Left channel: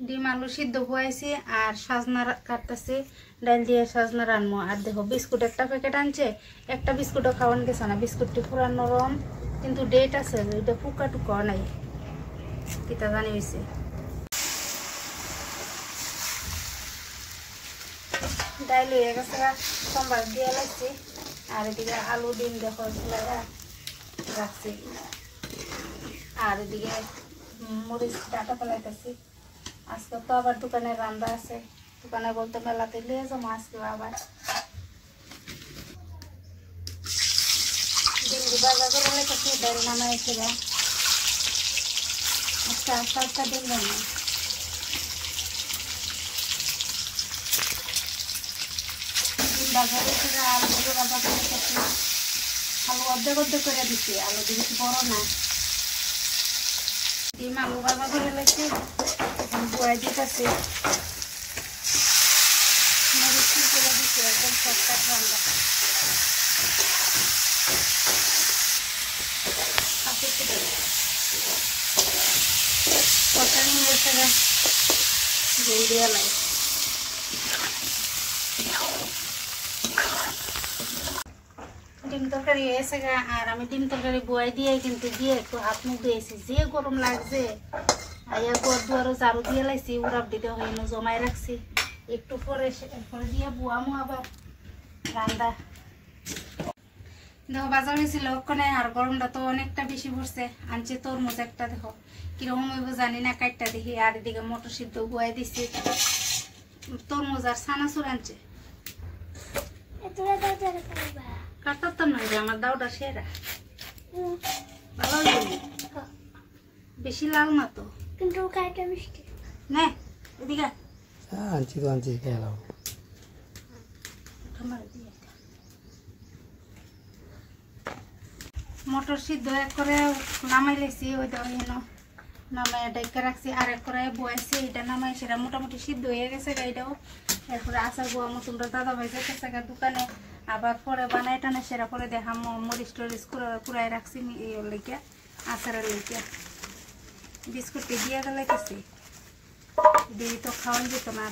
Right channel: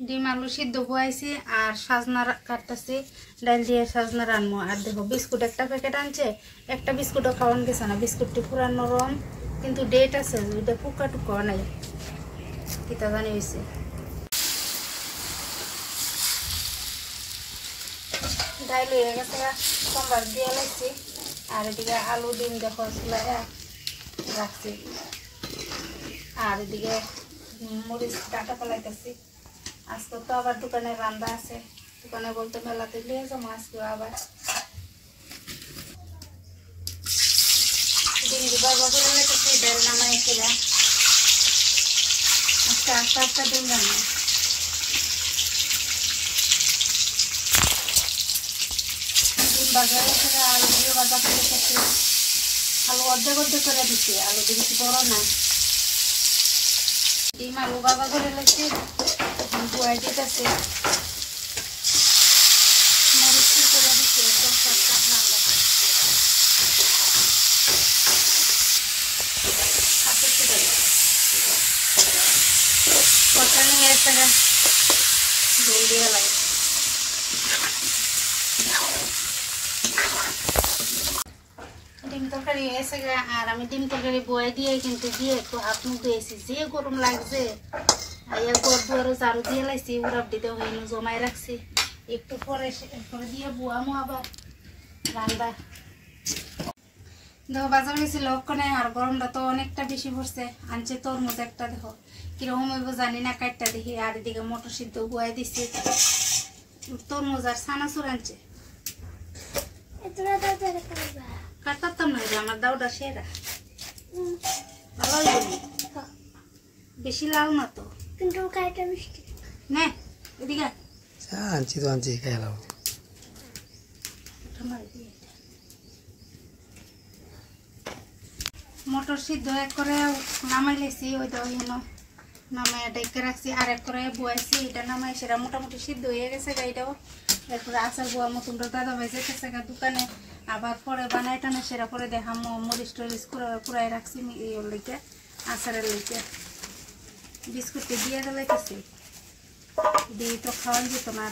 ডিম আলু সিদ্ধ বয়াইছি আর সাজনা কাটতেছি ডাল দিয়ে সাজনা রানবো। আর দেখো বিস্কুট একটা প্যাকেট আনছে, একটা বিস্কুটও খাওয়ান গেছে না। বিস্কুটটি পুরা নরম কিন্তু ডেট আছে, ওইটা টুকা টুকা নাই কিতা জানি হয়েছে। ডাইল হয়ে গেছে, সম্বার দিয়ে লাগছি। আর এদিকে আলু ডিম দেখো রাখছি। আর এদিকে মরিচ ডাটা ফেলাইতেছি। আজকে তো আবার দোকানে রান্না আছে, দোকানে বলতে মেলাতে লিয়ে যাবো আজকে আবার। ডিম বাজার করে লেগেছি, ডাল নামাই এসে আজকে আস্তে আস্তে ডিম রান্না। ডিম বাজারে থেকে আলু দিয়ে বাজার করে রেখেছি। আলু অর্ধেক অর্ধেক করে দিচ্ছি, আলু দিয়ে বেশি বড় না। ডিম আলু বাজার করে লেগেছি, এখন ধোয়াই দিতেছি। মরিচ করে দিচ্ছি, একদম সস্তা রান্না। কটা নিয়ে এসে ঝোল দিয়ে লাগে। ডিম তরকারি এসে আর আমি ডিম তরকারি বয়ে দিয়ে কিন্তু দিয়ে একটু হাত মুখ দিয়েছি, যে গরম লাগছে। আইয়া ঘর দুয়ারও ঝাড়ু দিয়ে লাইছি, উড়াপ দিতে হইনো জমাই রাখছি। একটু পরে দিয়ে বুয়ামো আবার রান্না। দেখো বাজার গেছিল ওখানে, আর গরমটা তো অনেকটা বেশি পড়ছে। আনছে তরমুজ একটা, দেখো কিরকম হইব জানি না, কাটটা দেখি। আর এদিকে মটর সিদ্ধ বুয়াই দিছি, তরমুজ আর সানাসুর আনছে। কাটতাম না, আমার দাওটা সেরা ভালো হইব, বেশি লাল না তো, কিন্তু না এদিকে আনছি তো আনছি খেলাম। মটর সিদ্ধ এক করে নামাই লেছি, ওইটা নামাই ডেকে রাখছি। আর এক করে বয়েছি, এটা নামাই সেটা মোটামুটি সিদ্ধ হয়ে গেছে এটাও। এরপরে আচার বোয়া মতন দাদা ভাই যেতেছে দোকানে, আবার পরে বানাই টানে সেটা পরে দেখাম। মরিচ টরিচ কুড়াই রাখছি লেগে, আচারের লেগে। বিস্কুটটি দিয়ে দিলাইতেছি, দিয়ে তো খাওয়ান যেত না।